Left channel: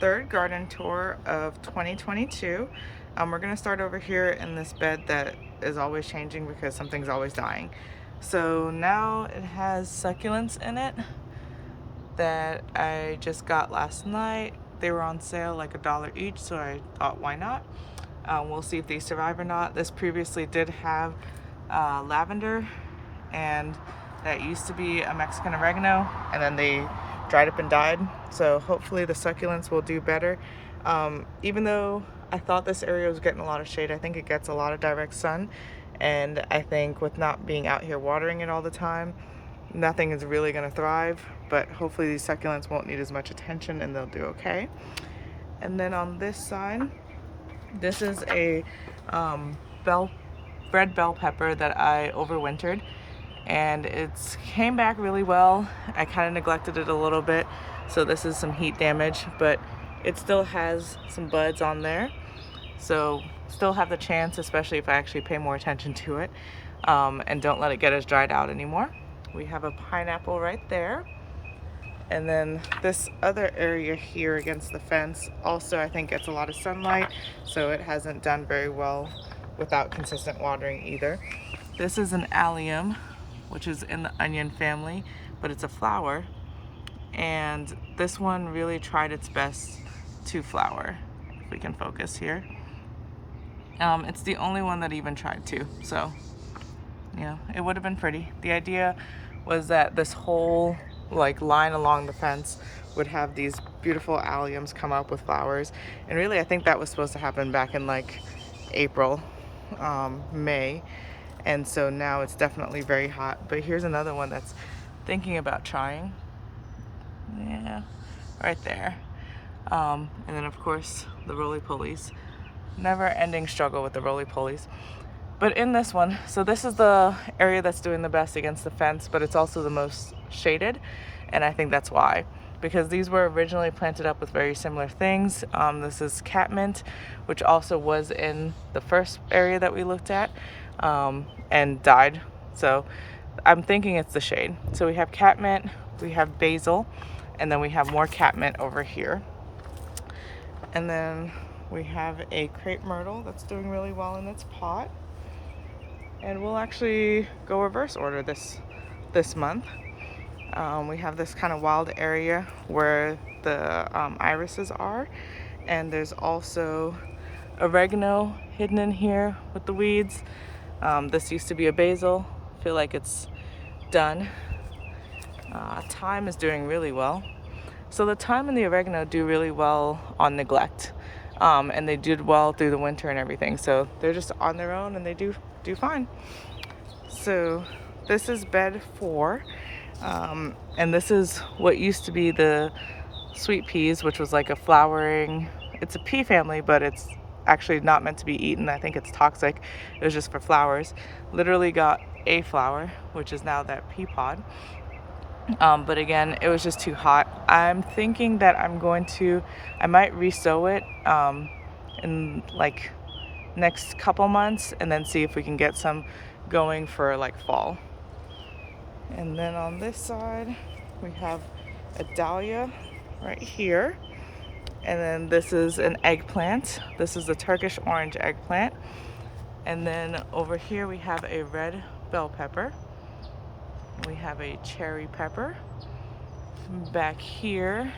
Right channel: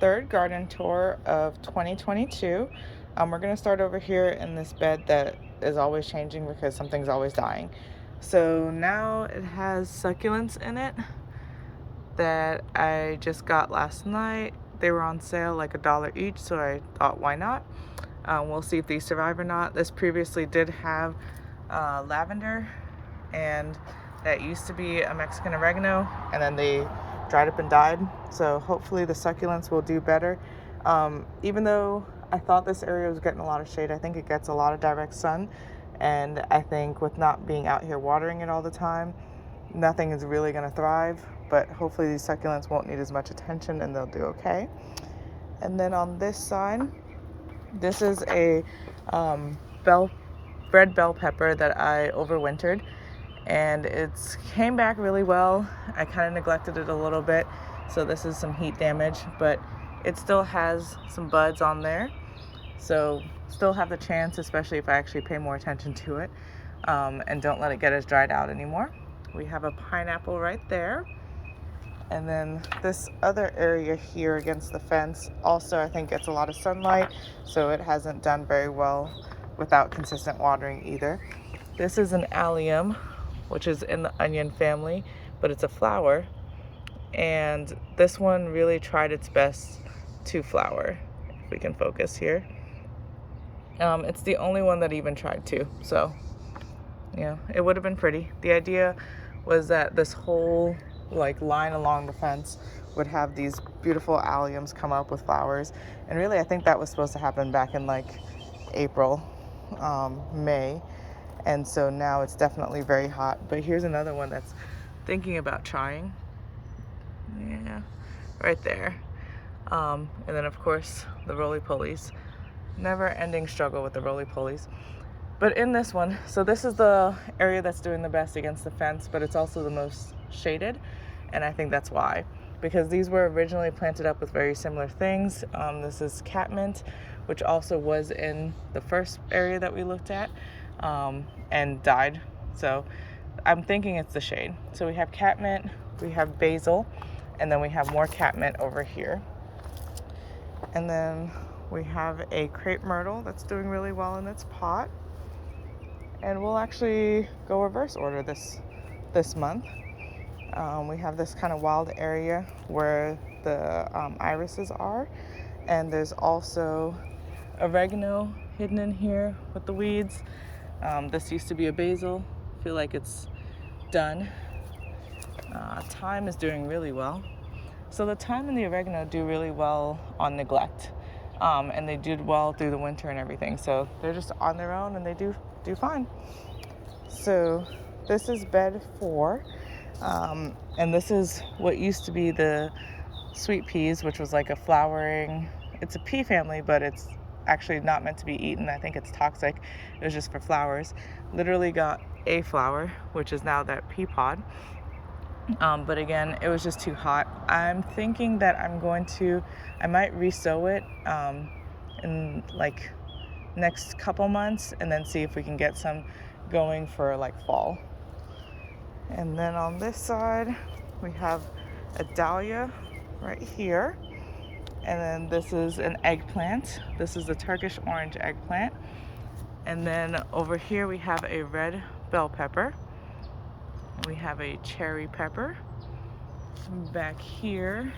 third garden tour of 2022. We're going to start over here in this bed that is always changing because something's always dying. So now it has succulents in it that I just got last night. They were on sale like $1 each, so I thought, why not? We'll see if these survive or not. This previously did have lavender, and that used to be a Mexican oregano, and then they dried up and died. So hopefully the succulents will do better. Even though I thought this area was getting a lot of shade, I think it gets a lot of direct sun, and I think with not being out here watering it all the time, nothing is really going to thrive. But hopefully these succulents won't need as much attention and they'll do okay. And then on this side, this is a red bell pepper that I overwintered, and it's came back really well. I kind of neglected it a little bit, so this is some heat damage, but it still has some buds on there, so still have the chance, especially if I actually pay more attention to it, and don't let it get as dried out anymore. We have a pineapple right there. And then this other area here against the fence also I think gets a lot of sunlight, so it hasn't done very well without consistent watering either. This is an allium, which is in the onion family, but it's a flower. And this one really tried its best to flower, if we can focus here. It's the only one that even tried to, so yeah, it would have been pretty. The idea was that this whole line along the fence would have these beautiful alliums come up with flowers, and really I think that was supposed to happen back in April, May, and so now it's definitely very hot. But here's another one that's thinking about trying. Yeah, right there. And then of course the roly-polies. Never ending struggle with the roly-polies. But in this one, so this is the area that's doing the best against the fence, but it's also the most shaded, and I think that's why, because these were originally planted up with very similar things. This is catmint, which also was in the first area that we looked at, and died, so I'm thinking it's the shade. So we have catmint, we have basil, and then we have more catmint over here, and then we have a crepe myrtle that's doing really well in its pot. And we'll actually go reverse order this month. We have this kind of wild area where the irises are, and there's also oregano hidden in here with the weeds. This used to be a basil. I feel like it's done. Thyme is doing really well. So the thyme and the oregano do really well on neglect, and they did well through the winter and everything. So they're just on their own, and they do fine. So this is bed 4, and this is what used to be the sweet peas, which was like a flowering, it's a pea family, but it's actually not meant to be eaten. I think it's toxic. It was just for flowers. Literally got a flower, which is now that pea pod. But again, it was just too hot. I'm thinking that I might re-sow it in next couple months, and then see if we can get some going for fall. And then on this side we have a dahlia right here, and then this is an eggplant. This is a Turkish orange eggplant. And then over here we have a red bell pepper. We have a cherry pepper. Back here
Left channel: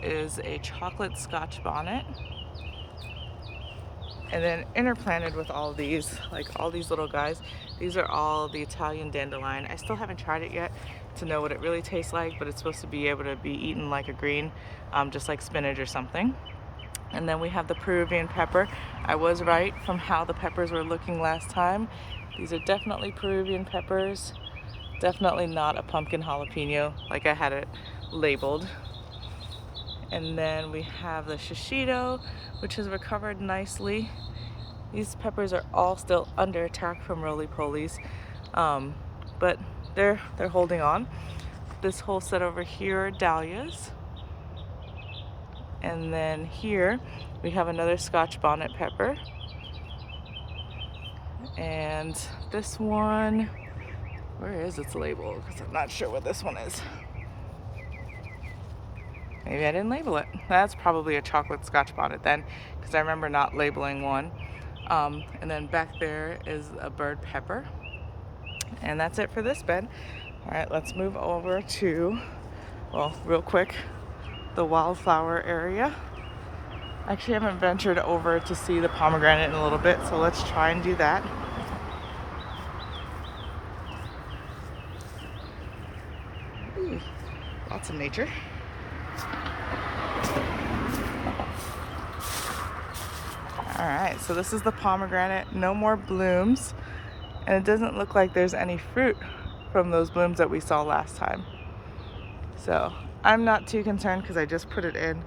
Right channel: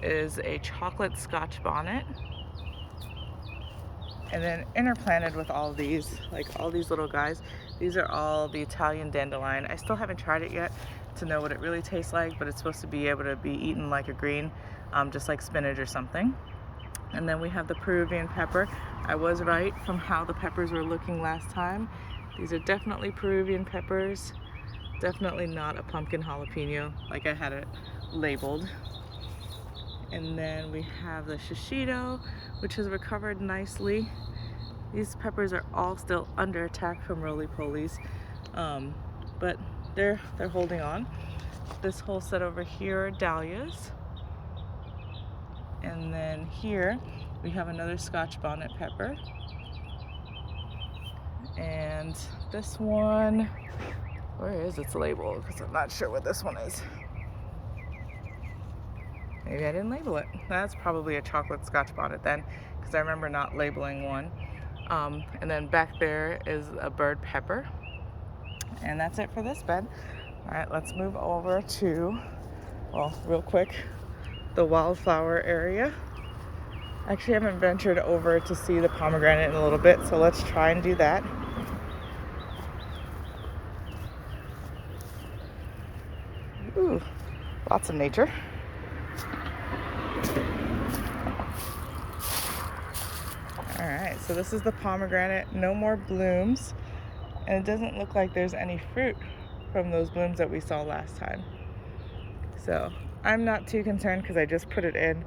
is a chocolate Scotch bonnet. And then interplanted with all these, all these little guys, these are all the Italian dandelion. I still haven't tried it yet to know what it really tastes like, but it's supposed to be able to be eaten like a green, just like spinach or something. And then we have the Peruvian pepper. I was right from how the peppers were looking last time. These are definitely Peruvian peppers. Definitely not a pumpkin jalapeno like I had it labeled. And then we have the shishito, which has recovered nicely. These peppers are all still under attack from roly-polies, but they're holding on. This whole set over here are dahlias. And then here we have another Scotch bonnet pepper. And this one, where is its label? Because I'm not sure what this one is. Maybe I didn't label it. That's probably a chocolate Scotch bonnet then, because I remember not labeling one. And then back there is a bird pepper. And that's it for this bed. All right, let's move over to, well, real quick, the wildflower area. Actually, I haven't ventured over to see the pomegranate in a little bit, so let's try and do that. Ooh, lots of nature. All right, so this is the pomegranate, no more blooms, and it doesn't look like there's any fruit from those blooms that we saw last time. So I'm not too concerned because I just put it in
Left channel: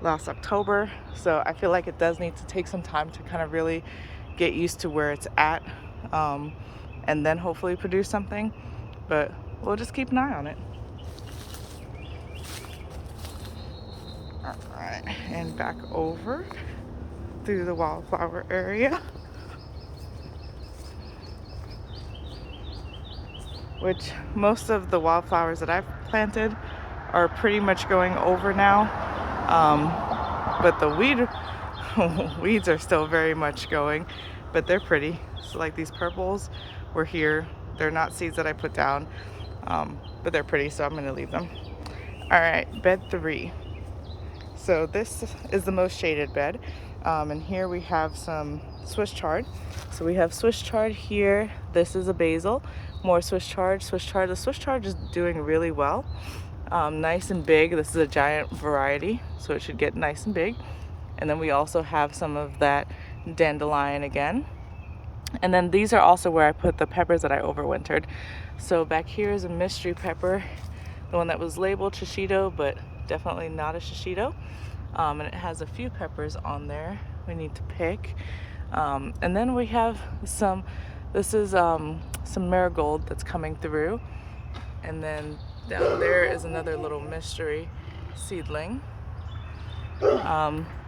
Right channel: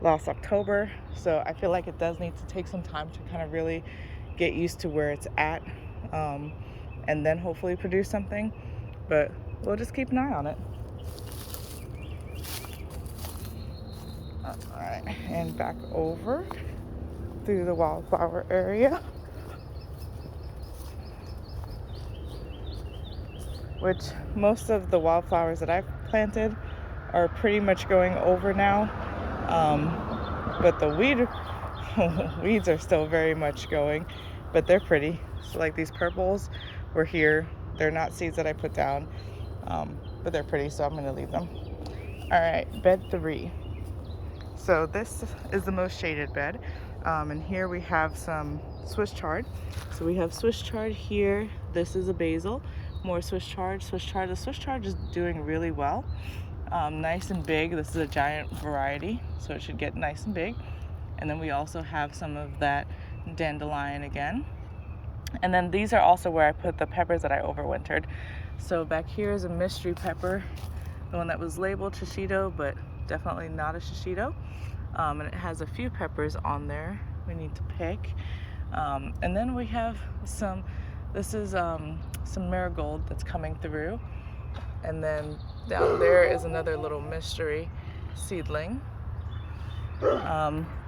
last October, so I feel like it does need to take some time to kind of really get used to where it's at, and then hopefully produce something, but we'll just keep an eye on it. All right, and back over through the wildflower area, which most of the wildflowers that I've planted are pretty much going over now, but the weeds are still very much going, but they're pretty. So like these purples were here, they're not seeds that I put down, but they're pretty, so I'm going to leave them. All right, bed 3. So this is the most shaded bed, and here we have some Swiss chard. So we have Swiss chard here. This is a basil, more Swiss chard. The Swiss chard is doing really well, nice and big. This is a giant variety, so it should get nice and big. And then we also have some of that dandelion again. And then these are also where I put the peppers that I overwintered. So back here is a mystery pepper, the one that was labeled shishito, but definitely not a shishito. And it has a few peppers on there we need to pick. And then we have some, this is some marigold that's coming through. And then down there is another little mystery seedling.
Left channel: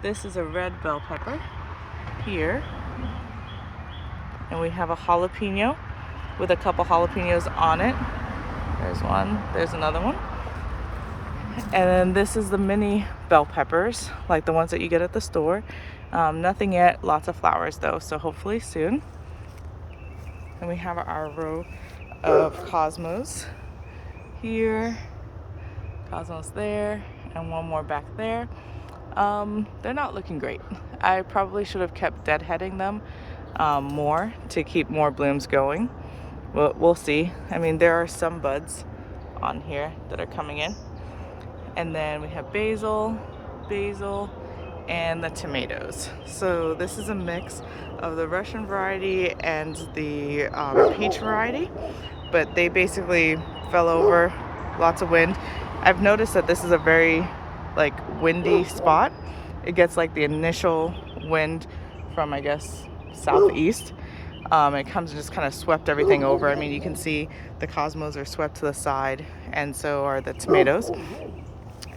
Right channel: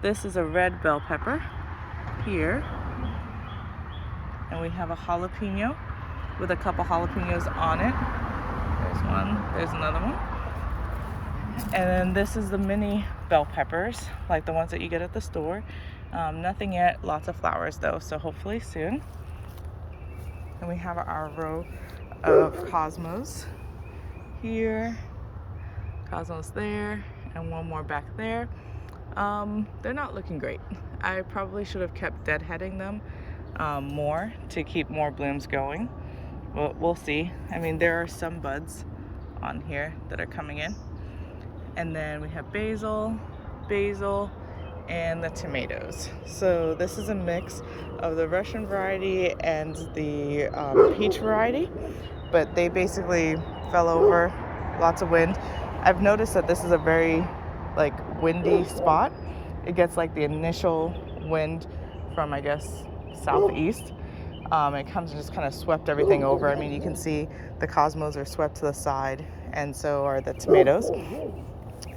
This is a red bell pepper here. And we have a jalapeno with a couple jalapenos on it. There's one, there's another one. And then this is the mini bell peppers, like the ones that you get at the store. Nothing yet, lots of flowers though, so hopefully soon. And we have our row of cosmos here, cosmos there, and one more back there. They're not looking great. I probably should have kept deadheading them more to keep more blooms going. We'll see. I mean, there are some buds on here that are coming in. And then we have basil, and the tomatoes. So this is a mix of the Russian variety and the peach variety, but they basically fell over, lots of wind. I've noticed that this is a very like windy spot. It gets like the initial wind from, I guess, southeast. It comes and just kind of swept everything over. I mean, you can see the cosmos are swept to the side, and so are the tomatoes.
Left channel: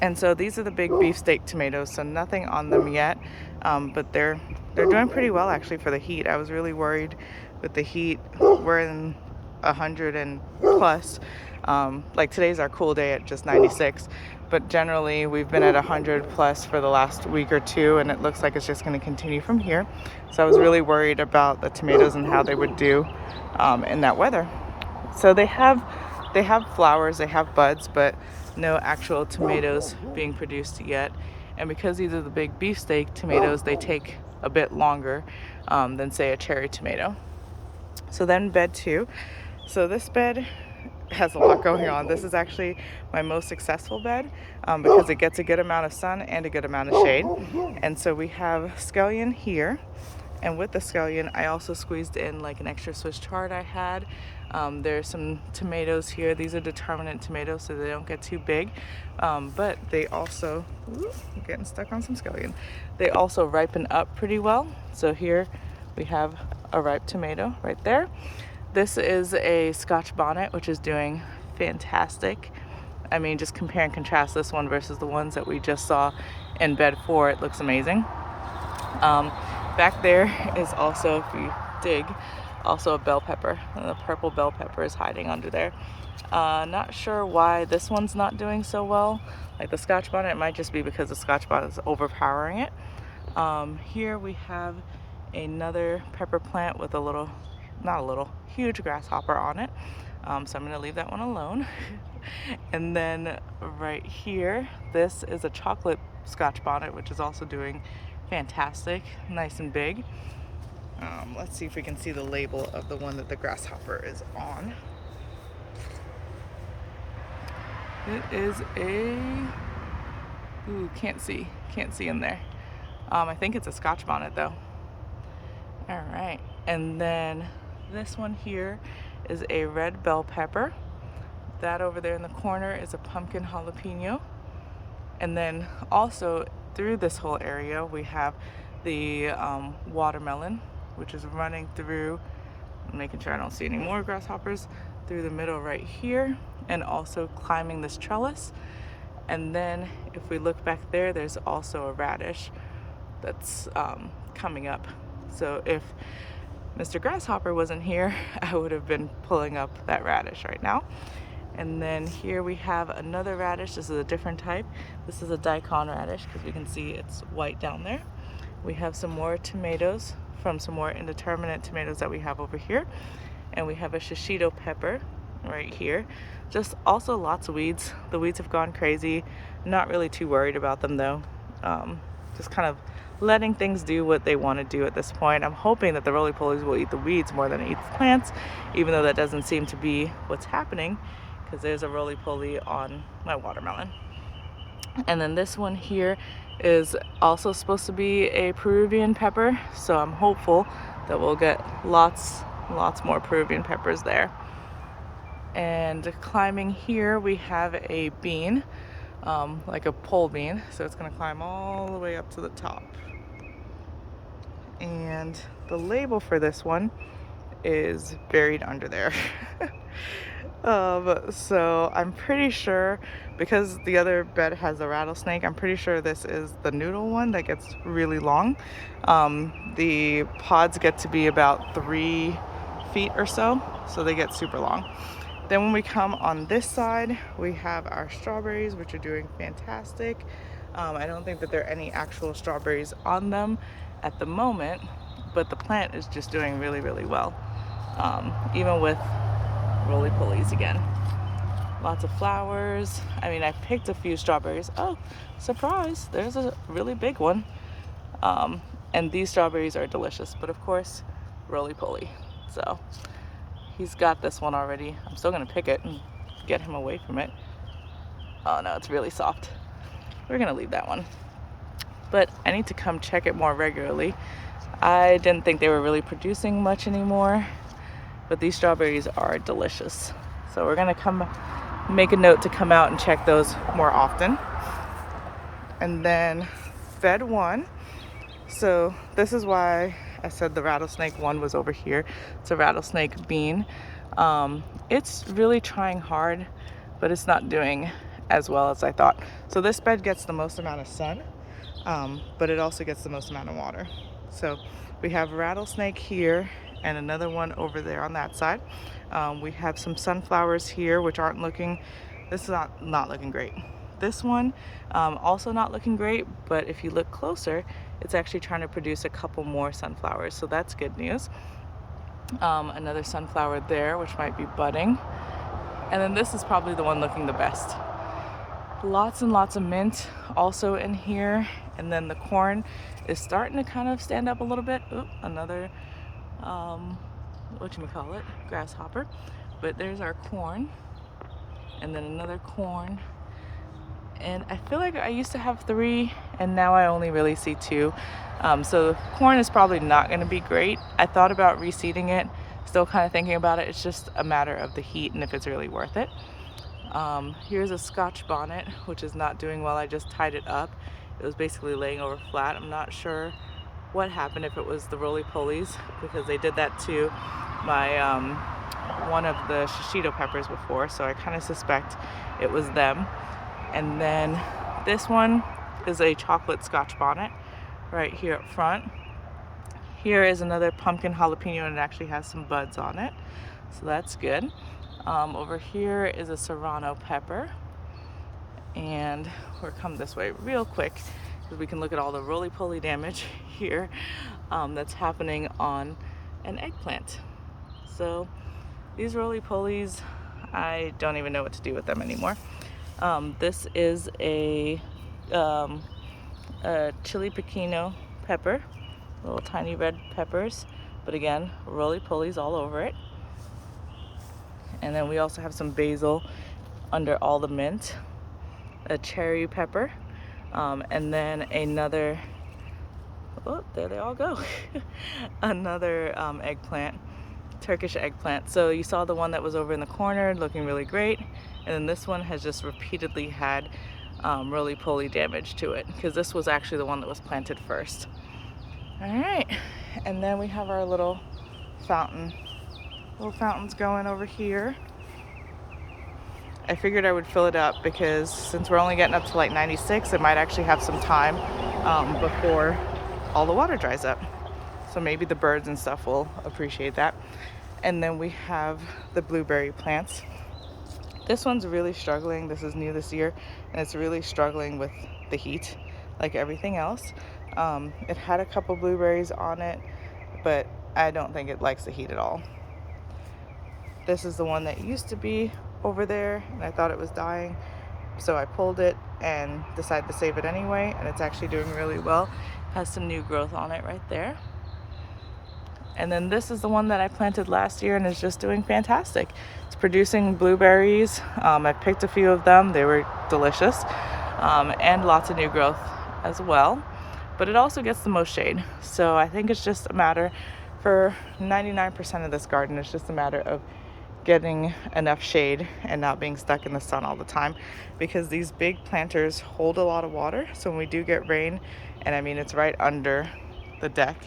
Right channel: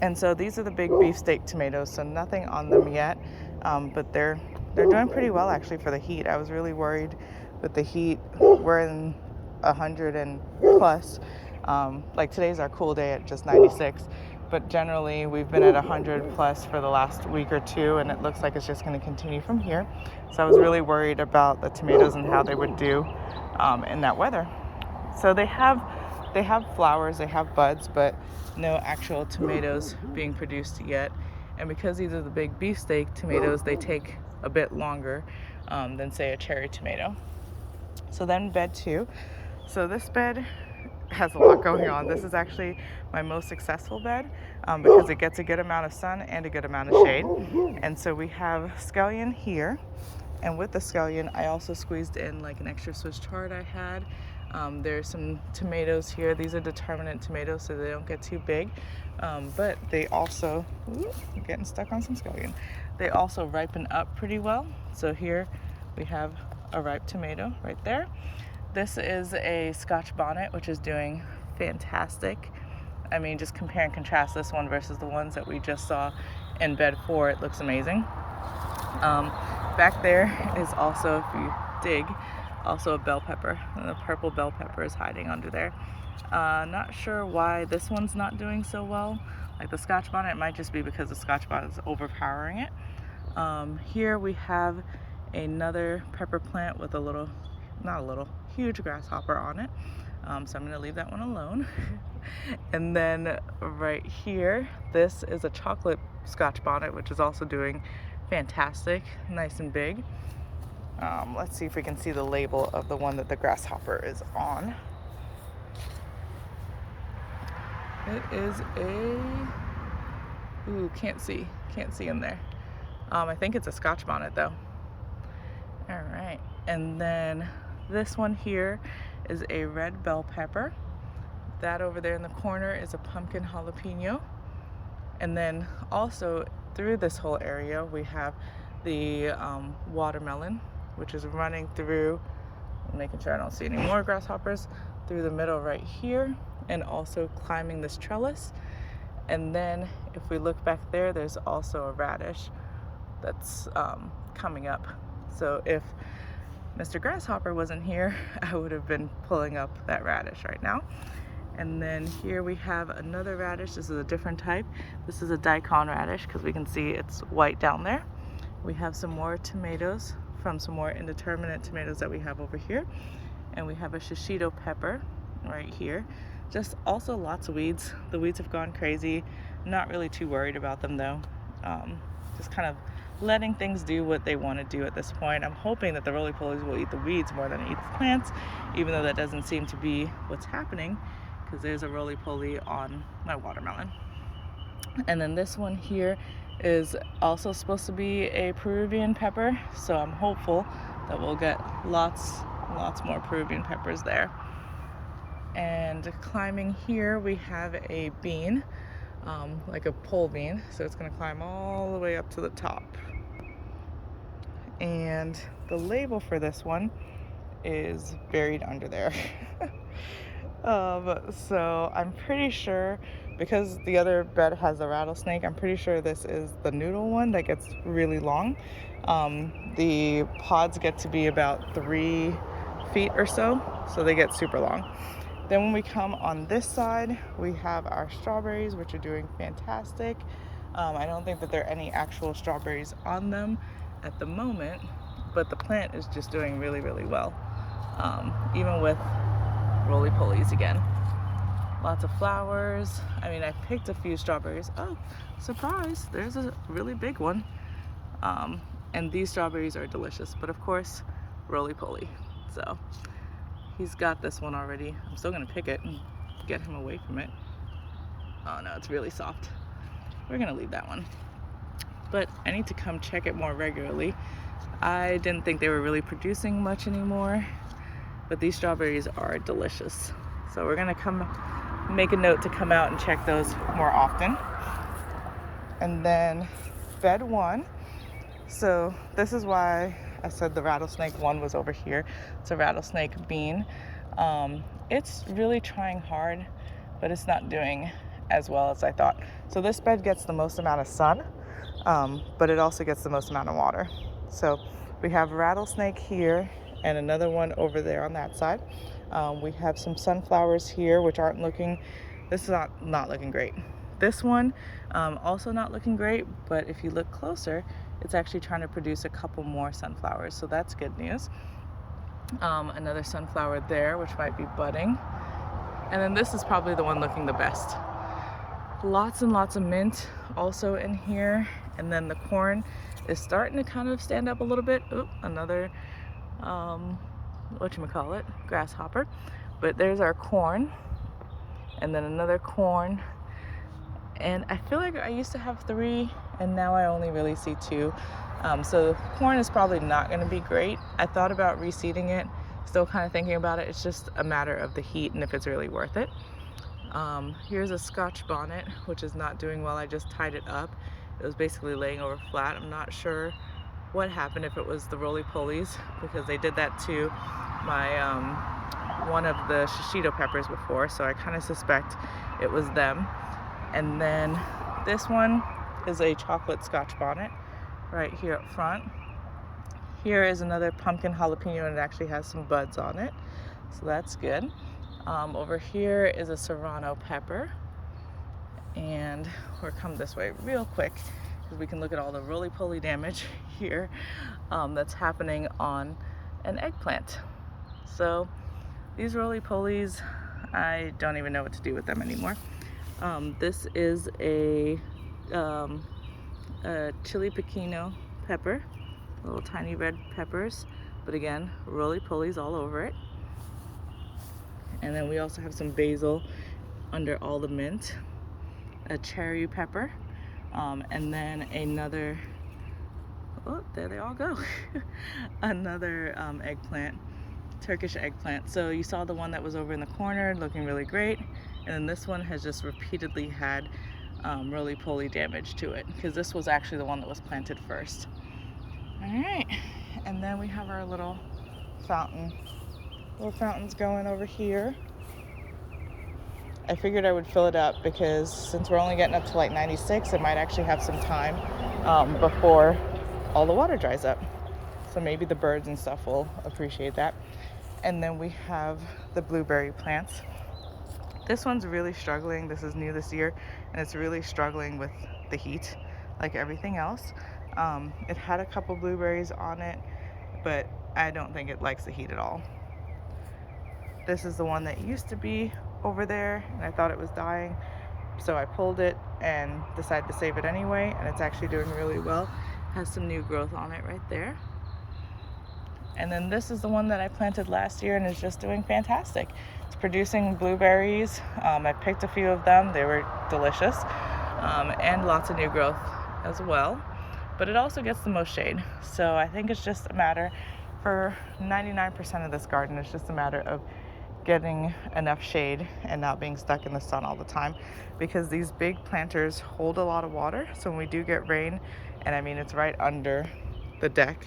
And so these are the big beefsteak tomatoes, so nothing on them yet, but they're doing pretty well actually for the heat. I was really worried with the heat. We're in 100 and plus. Like today's our cool day at just 96, but generally we've been at 100 plus for the last week or two, and it looks like it's just going to continue from here. So I was really worried about the tomatoes and how they would do in that weather. So they have flowers, they have buds, but no actual tomatoes being produced yet. And because these are the big beefsteak tomatoes, they take a bit longer than say a cherry tomato. So then bed 2. So this bed has a lot going on. This is actually my most successful bed because it gets a good amount of sun and a good amount of shade. And so we have scallion here, and with the scallion I also squeezed in like an extra Swiss chard I had. There's some tomatoes here. These are determinate tomatoes, so they don't get too big, but they also, I'm getting stuck on some scallion. They also ripen up pretty well. So here we have a ripe tomato right there. This is a Scotch bonnet, which is doing fantastic. I mean, just compare and contrast this one versus the ones that we just saw in bed 4. It looks amazing. Back there is also, if you dig, also a bell pepper. The purple bell pepper is hiding under there. Not sure why this one's not doing so well. like the Scotch bonnet. It might just be because the Scotch bonnet is overpowering it. Here we have another pepper plant with a little, not a little, huge grasshopper on it. So I'm gonna leave that one alone. And then right here, this is a chocolate Scotch bonnet, which is also doing fantastic, nice and big. Let's see if we can see the label of the one that the grasshopper is on. It is a, ooh, can't see in there. I think it's a Scotch bonnet though. All right, and then this one here is a red bell pepper. That over there in the corner is a pumpkin jalapeno. And then also through this whole area we have the watermelon, which is running through, making sure I don't see any more grasshoppers, through the middle right here, and also climbing this trellis. And then if we look back there, there's also a radish that's coming up. So if Mr. Grasshopper wasn't here, I would have been pulling up that radish right now. And then here we have another radish. This is a different type. This is a daikon radish because we can see it's white down there. We have some more tomatoes from some more indeterminate tomatoes that we have over here. And we have a shishito pepper right here. Just also lots of weeds. The weeds have gone crazy. Not really too worried about them though. Just kind of letting things do what they want to do at this point. I'm hoping that the roly-polies will eat the weeds more than eat the plants, even though that doesn't seem to be what's happening, because there's a roly-poly on my watermelon. And then this one here is also supposed to be a Peruvian pepper, so I'm hopeful that we'll get lots more Peruvian peppers there. And climbing here we have a bean, like a pole bean, so it's going to climb all the way up to the top. And the label for this one is buried under there. So I'm pretty sure, because the other bed has a rattlesnake, I'm pretty sure this is the noodle one that gets really long. The pods get to be about 3 feet or so they get super long. Then when we come on this side, we have our strawberries, which are doing fantastic. I don't think that there are any actual strawberries on them at the moment, but the plant is just doing really, really well. Even with roly-polies again. Lots of flowers. I mean, I picked a few strawberries. Oh, surprise, there's a really big one. And these strawberries are delicious, but of course, roly-poly. So he's got this one already. I'm still gonna pick it and get him away from it. Oh no, it's really soft. We're gonna leave that one. But I need to come check it more regularly. I didn't think they were really producing much anymore, but these strawberries are delicious. So we're gonna come make a note to come out and check those more often. And then bed 1. So this is why I said the rattlesnake one was over here. It's a rattlesnake bean. It's really trying hard, but it's not doing as well as I thought. So this bed gets the most amount of sun, but it also gets the most amount of water. So we have rattlesnake here and another one over there on that side. We have some sunflowers here, which aren't looking, this is not looking great. This one, also not looking great, but if you look closer, it's actually trying to produce a couple more sunflowers, so that's good news. Another sunflower there, which might be budding. And then this is probably the one looking the best. Lots and lots of mint also in here. And then the corn is starting to kind of stand up a little bit. Oop, another, whatchamacallit, grasshopper. But there's our corn. And then another corn. And I feel like I used to have 3 and now I only really see 2. So corn is probably not going to be great. I thought about reseeding it, still kind of thinking about it. It's just a matter of the heat and if it's really worth it. Here's a Scotch bonnet, which is not doing well. I just tied it up. It was basically laying over flat. I'm not sure what happened, if it was the roly-polies, because they did that to my one of the shishito peppers before, so I kind of suspect it was them. And then this one is a chocolate Scotch bonnet right here up front. Here is another pumpkin jalapeno, and it actually has some buds on it, so that's good. Over here is a serrano pepper, and we'll come this way real quick because we can look at all the roly-poly damage here that's happening on an eggplant. So these roly-polies, I don't even know what to do with them anymore. This is a chili pequeno pepper, little tiny red peppers, but again, roly-polies all over it. And then we also have some basil under all the mint, a cherry pepper, and then another, oh, there they all go, another eggplant, Turkish eggplant. So you saw the one that was over in the corner looking really great, and then this one has just repeatedly had roly-poly damage to it, because this was actually the one that was planted first. All right, and then we have our little fountain. Little fountains going over here. I figured I would fill it up because since we're only getting up to like 96, it might actually have some time before all the water dries up. So maybe the birds and stuff will appreciate that. And then we have the blueberry plants. This one's really struggling. This is new this year, and it's really struggling with the heat like everything else. It had a couple blueberries on it, but I don't think it likes the heat at all. This is the one that used to be over there, and I thought it was dying, so I pulled it and decided to save it anyway, and it's actually doing really well. Has some new growth on it right there. And then this is the one that I planted last year and is just doing fantastic. It's producing blueberries. I picked a few of them. They were delicious, and lots of new growth as well. But it also gets the most shade. So I think it's just a matter, for 99% of this garden, it's just a matter of getting enough shade and not being stuck in the sun all the time, because these big planters hold a lot of water. So when we do get rain, and I mean it's right under the deck,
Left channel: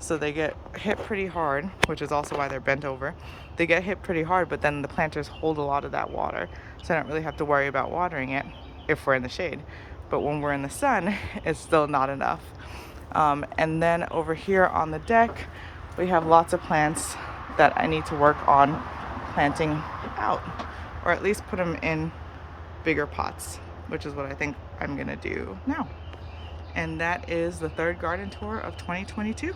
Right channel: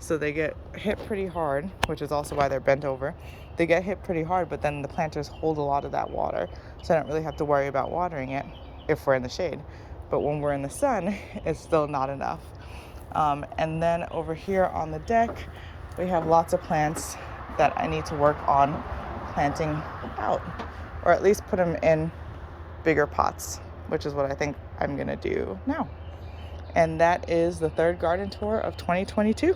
so they get hit pretty hard, which is also why they're bent over. They get hit pretty hard, but then the planters hold a lot of that water, so I don't really have to worry about watering it if we're in the shade. But when we're in the sun, it's still not enough. And then over here on the deck, we have lots of plants that I need to work on planting out, or at least put them in bigger pots, which is what I think I'm gonna do now. And that is the third garden tour of 2022.